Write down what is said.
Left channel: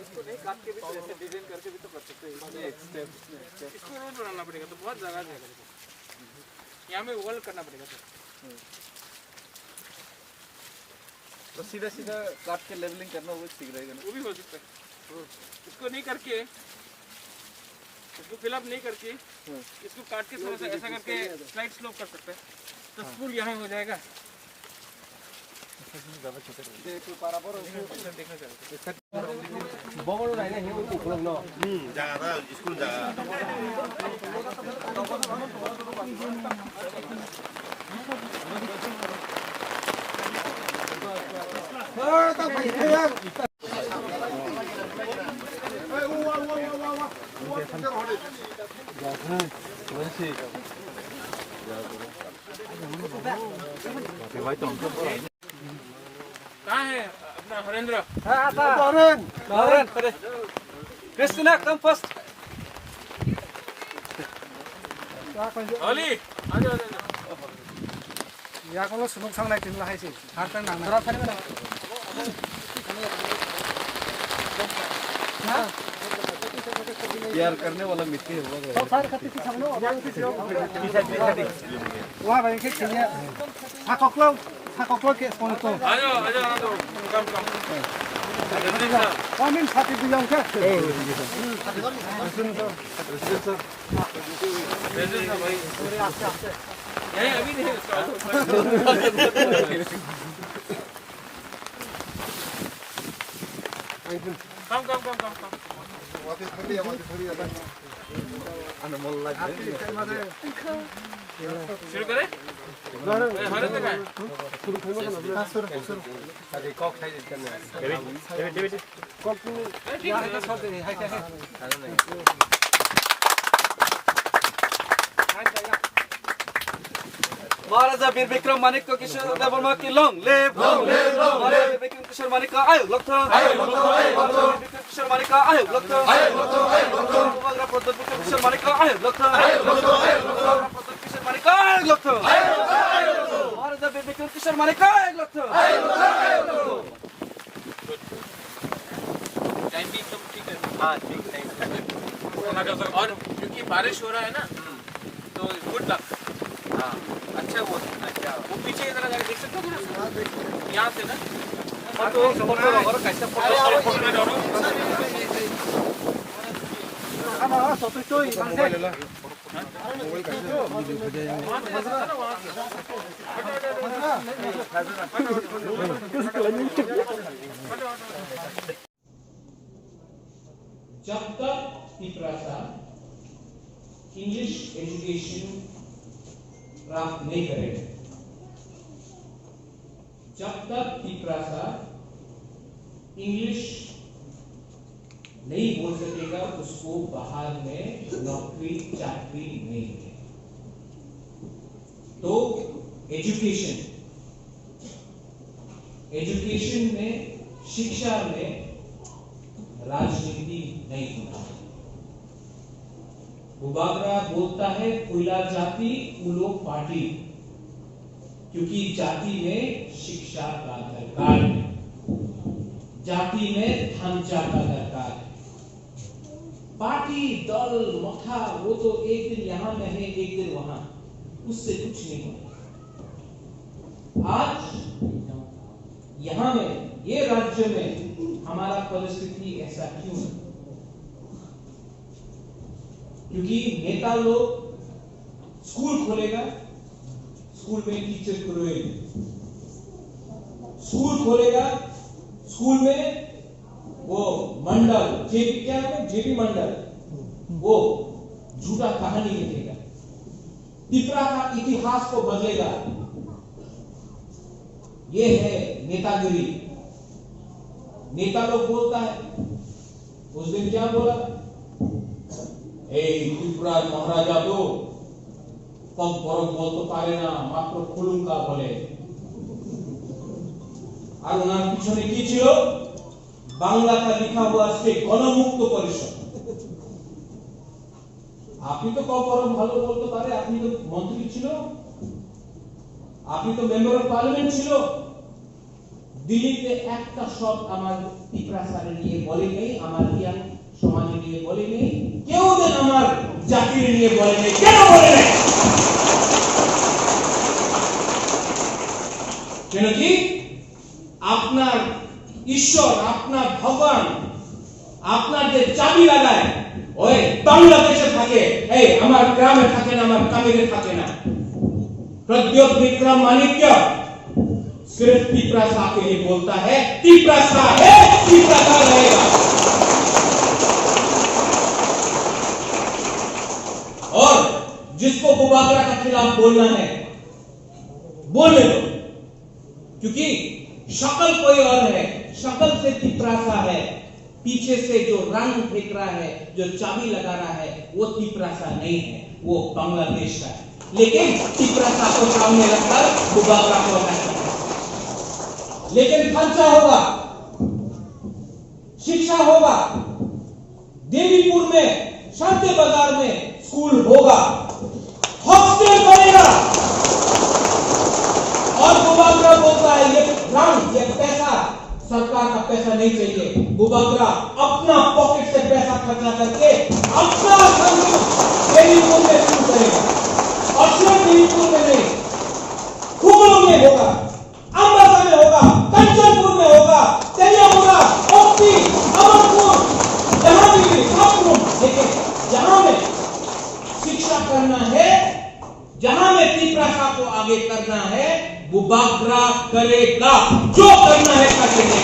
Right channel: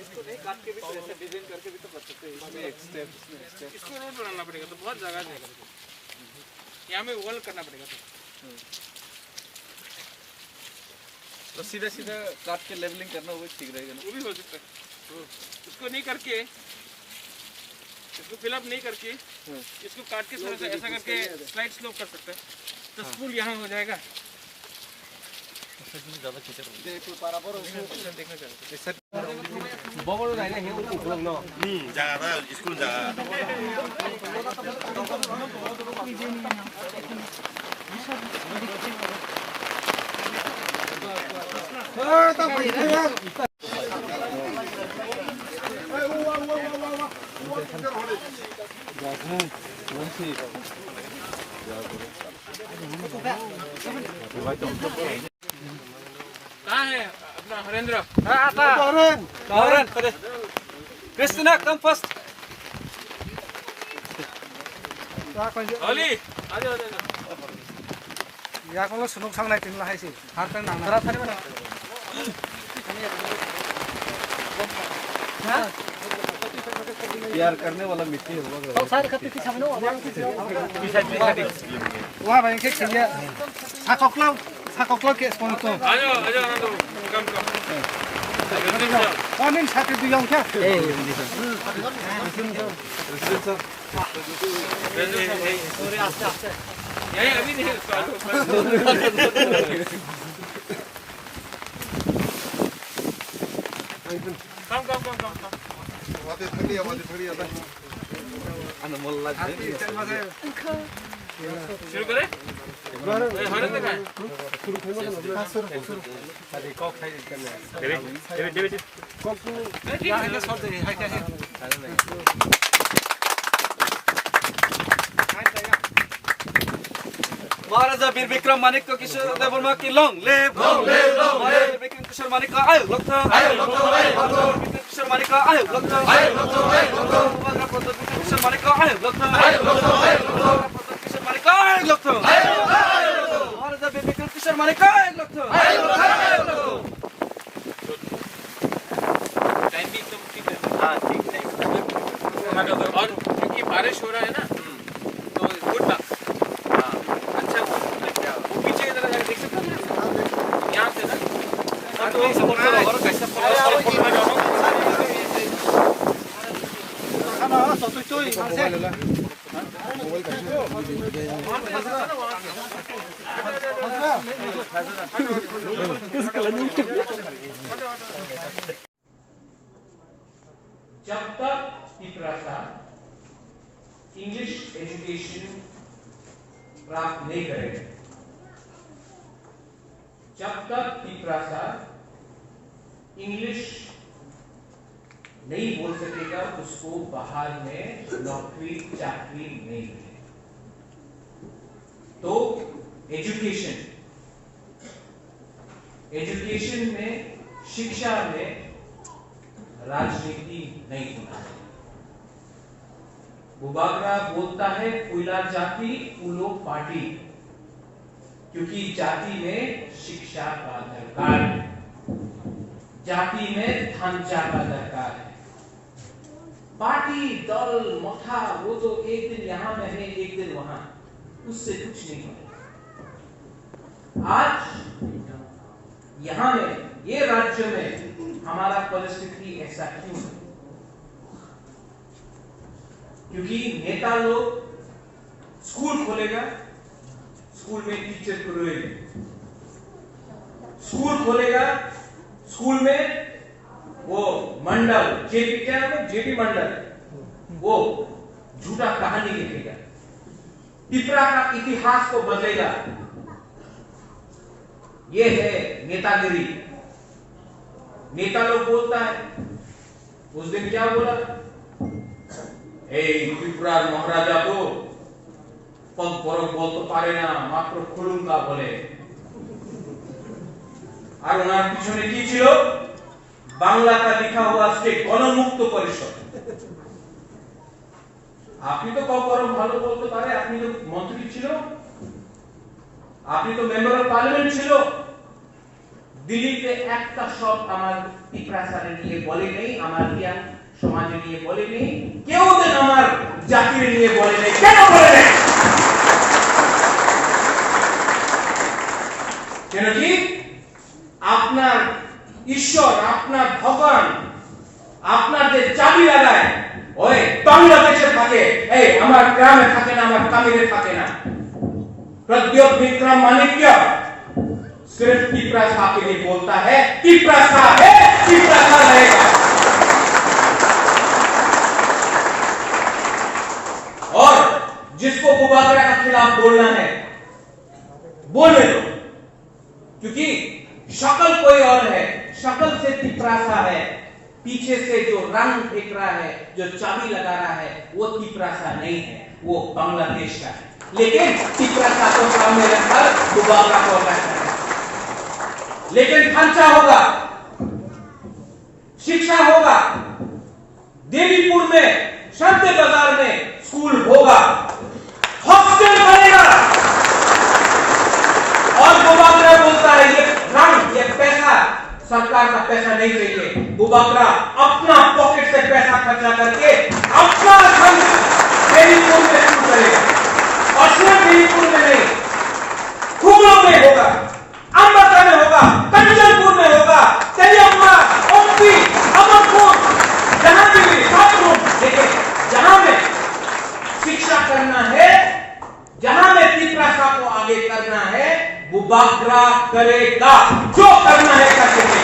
इसको नहीं काट के भी तो ऐसे डिजाइन करके भी तो कर सकते हैं। इसमें एक स्टेप, इसको रोड बनाना पड़ेगा तो बहुत जगह जाएगा। यहाँ में वॉल करना पड़ेगा तो सीधा सीधा काट के लेवलिंग करना वो भी ठीक रहेगा ना। वो भी हो सकता है। इसको नहीं करके, इसको फिलअप नहीं करके इसको काट के थोड़ा सा ऐसा करके स्लाइड स्लोप कर सकते हैं तो स्पूल यहाँ हो जाएगा। देखो बराबर देखना चाहिए। बगल लाइन है वो उपलब्ध ना। जागा स्कूल जागा। कहाँ है अपना हरेंद्र? Christina, come first. ओली आ जाओ। या कोनो सुनोक सांगनाय तिनला हायसे हारता नांगना प्यार करने वाला मिट्टी होगा। वहाँ भाई के छिया साककलो के स्पॉन्सर आ जाओ आनंद कम कौन साथी दियों क्या यही अभी नहीं कम अनमोल शुरू करें? हरेंद्र का अरे कॉक है करना कॉक ठीक है छोड़ दे है क्या है महाराजा वीर विक्रम मानिक को किशोर देववर्मा की लॉन्ग लिव महाराजा वीर विक्रम किशोर मानिक का आयु लक्ष्य किशोर मानिक का आयु लक्ष्य महाराजा प्रताप किशोर मानिक का आयु लक्ष्य किशोर मानिक का आयु लक्ष्य महाराजा वीर विक्रम किशोर मानिक का आयु लक्ष्य। टाइम भी एकदम ठीक है। हाँ ठीक है। और क्योंकि बारिश हो रहा है ना तो गुड लक। अच्छा वो पीछे इधर जाके देख सकते हो यहाँ से ना और तो सपोर्ट करो और कैसे सब तो ही जब तक पिपरासा इंग्लिश एजुकेशन प्राप्त नहीं करेगा, जब तक पिपरासा इंग्लिश नहीं बोल सकेगा उसको बाहर में नौकरी चाकरी नहीं मिलेगी। तो एजुकेशन में शिक्षा में राजनीति नहीं होना चाहिए। बुबागरा बोलता है फूला जाति फूलो पार्टी, क्योंकि जाति में शिक्षा का दरकार है, जाति में ढांचा का दरकार है। पार्टी दल मथा वो तो एक दिन यहां में है एक दिन वहां, उससे कुछ नहीं होगा। आज यहां में ये राज्य में हमारा परिस्थिति ऐसा क्यों है? क्योंकि नेता लोग स्कूल खोलेगा, स्कूल में टीचर को रोएंगे, स्कूल खोलेगा, स्कूल में वो मंडल जेपी क्या है जेपी मंडल वो झूठा कहानी लिखेगा, पिपरा का इतिहास को बदलेगा। ये है नेतागिरी। नेता लोग बोलता है, उस दिन क्या बोला, त्रिपुरा महाराजा तो पग परक बोलते पारे ना मात्र खुलुंगा बोले। আর ওনার পিছনে কি ছিল, বাংলাটা লেখা हुआ আজকে গণমুক্ত পরিষদ। আপনি তো কম ভালো বলতে পারে, আপনি তো মন্ত্রী ছিল, আপনি তো মেম্বার অফ পার্লামেন্ট ছিল, দিল্লিতে একটা সব আমার পিপ্রাসারে নিয়ে বলে নেই, আমার জ্ঞান সমাজে নিয়ে বলে নেই, কেউ দেন আমার জাতির নিয়ে বলে নেই। কেন বলে নেই? কেন কি আপনার ঈশ্বর, আপনার ভগবান আপনার যে চাবি লাগায় ওই বাংলাদেশে থাকে, এই আমার গ্রামে থাকে না, আমার কামিরে থাকে না। प्रद्योत विक्रम माणिक्य सिर्फ पिपरासा के लिए बोलता है, पिपरासा है, पिपरासा रहेगा। और जिसको बुबाकरा के खिलाफ बोलना है बोलने दो, क्योंकि शक्ल कोई और है, शक्ल से पिपरासा है, पीछे से जो रंग फेंक रहा है, जो चाबी लगा रहा है, वो पिपरासा नहीं है, वो बांग्लादेश का है। लेकिन पिपरासा को सामने रखकर बुबाकरा को हटाना है। लेकिन खर्चा होगा, शिक्षा होगा, देवीपुर में, शांति बाजार में स्कूल होगा, हॉस्टल बनेगा। और बुबाकरा बोलता है ये रंग, ये पैसा सरकार का पैसा नहीं चाहिए। बुबाकरा अपना पॉकेट से पैसा खर्चा करके अपना देवीपुर में शुरू करेगा। और सिर्फ देवीपुर में नहीं, खुगलों में होगा, अमृता में होगा, कंचनपुर में होगा, तेलियापुरा, ओपी, अमरपुर, जहां भी छात्रों, लेकिन जहां में शिक्षा करना है, जहां में पिपरासा को आगे करना है, बुबाकरा करेगा, जो करना है करेंगे।